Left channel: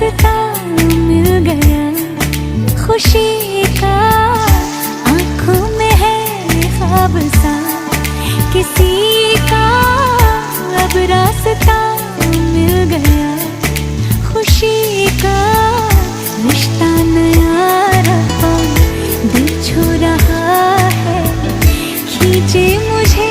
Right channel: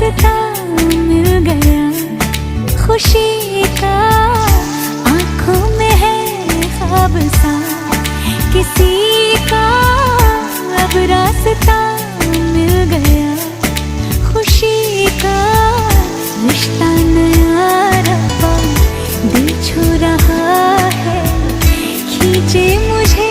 रास्ता मिल गया खुशी का, आंखों में है ख्वाब सा किसी का, अब रास्ता मिल गया खुशी का। रिश्ता नया रब्बा दिल छू रहा है, खींचे मुझे